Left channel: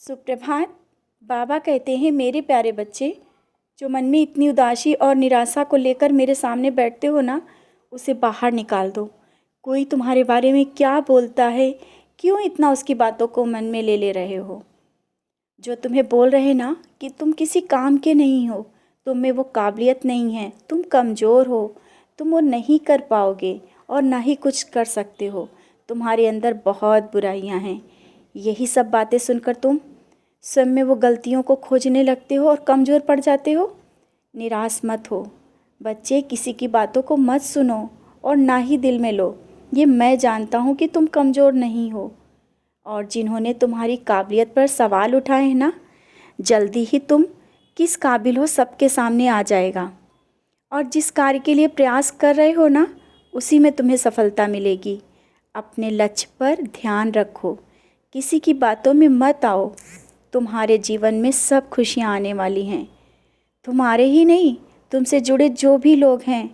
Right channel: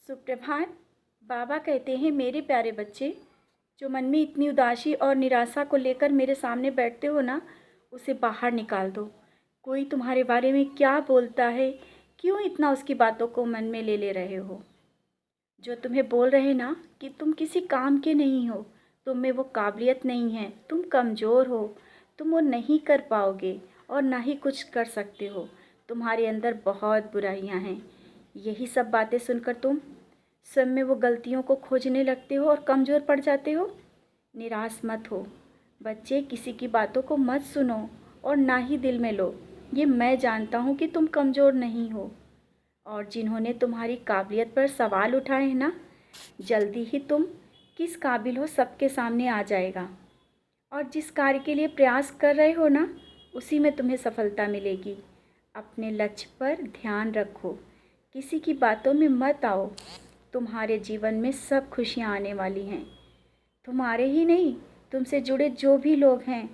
सुप्रभात। बाबा कहते हैं, मेरे प्यारे बच्चे, जो मन में इतनी उदासी और निराशा को लेकर मेरे सामने बैठते हो ना, उसे बाहर निकाल दो। कोई तुम्हारे बारे में क्या बोलता है, क्यों इतना उसकी बातों को मन में ले ले रहे हो? जो तुम्हें बोल रहे ना कि तुम किसी काम के नहीं हो, तुम में वो काबिलियत नहीं है, तुम कमज़ोर हो, तुम वो नहीं कर पाओगे और ना ही कुछ कर सकते हो, तुम्हारे अंदर बहुत बुराइयां हैं। यही सब बातें सुनकर तुम स्वयं में वो गलतियों को खोजने लगते हो और कमज़ोर पड़ जाते हो। निराश मत हो बच्चे, किसी की बातों को मत सुनो और ना ही दिल में लो। ये मैं जानता हूँ कि तुम कमज़ोर नहीं हो, और जिन्होंने तुम्हारी काबिलियत पर सवाल उठाए हैं ना, जल्दी ही तुम किस काबिल हो सबके सामने आ जाएगा। और जिस कार्य के लिए प्रयास कर रहे हो ना, उसी में तुम्हें सफलता मिलेगी। अपने लक्ष्य पर ध्यान रखो, किसी की बातों में मत आओ। तुम्हारे जीवन में सब खुशियाँ आने वाली हैं। तुम्हारे ही नहीं, तुमसे जुड़े जो भी लोग हैं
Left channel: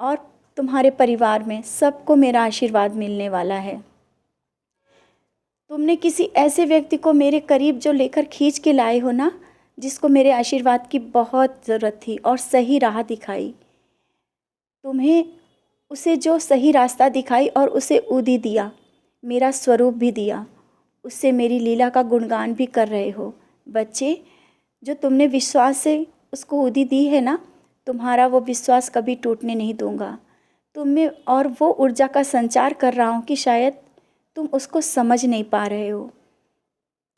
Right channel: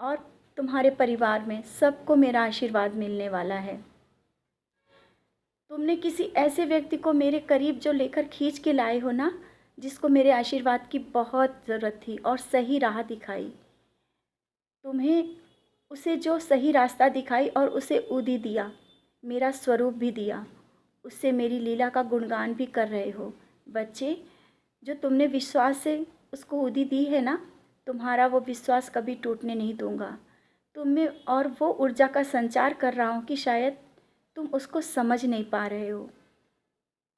और तुम्हारे परिवार में सबको मेरा आशीर्वाद मिलने वाला है। तुमने किसी ऐसे व्यक्ति को मेरे करीब जो लेकर खींच के लाए हो ना, जिसको मेरे आशीर्वाद की बहुत ज़रूरत थी और सही राह दिखाई। तुम्हें उसे जो सही रास्ता दिखाई और उसे उदी दिया, मेरा स्वरूप भी दिया, उससे मेरी लीला का गुणगान भी कर रहे हो। बच्चे, जो तुमने विश्वास से उसको उदी दी है ना, तुम्हारा वो विश्वास कभी टूटने नहीं दूंगा। तुम में और वो ऊर्जा का संचार कर रहा हूँ कि शायद तुम उसको समझ नहीं पा रहे हो।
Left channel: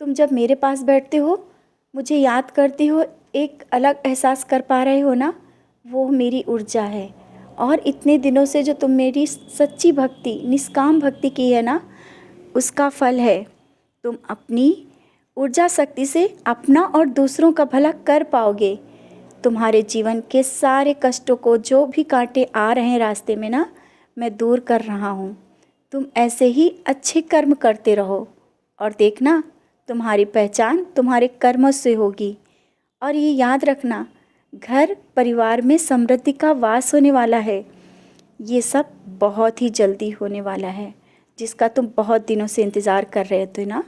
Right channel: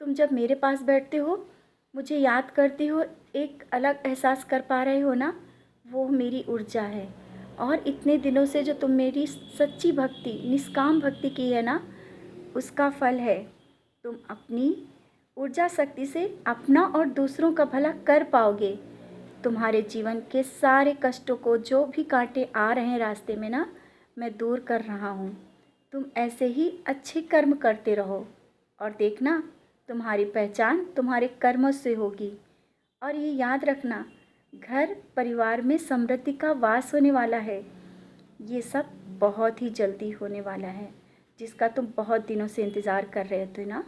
तुम जब मेरे पास बैठते हो, मुझे याद करते हो, एक अलग एहसास कर पा रहे हो ना, वो मेरी ऊर्जा है। और इतने दिनों से जो तुम मेरी सच्ची भक्ति, निष्काम भक्ति की है ना, उसका फल है। तुम अपनी ऊर्जा शक्ति से अपना और दूसरों का भला कर पाओगे। तुम्हारे जीवन के सारे कष्टों को, जो भी कांटे आ रहे हैं रास्ते में ना, मैं दूर कर रहा हूँ। तुम ऐसे ही अच्छे कर्म करते रहो और देखना, तुम्हारी पहचान तुम्हारे कर्मों से होगी। और ये याद रखना, घर परिवार में समृद्धि का वास होने वाला है। ये सब बहुत ही जल्दी होने वाला है, जिसका तुम बहुत दिनों से इंतज़ार कर रहे थे ना।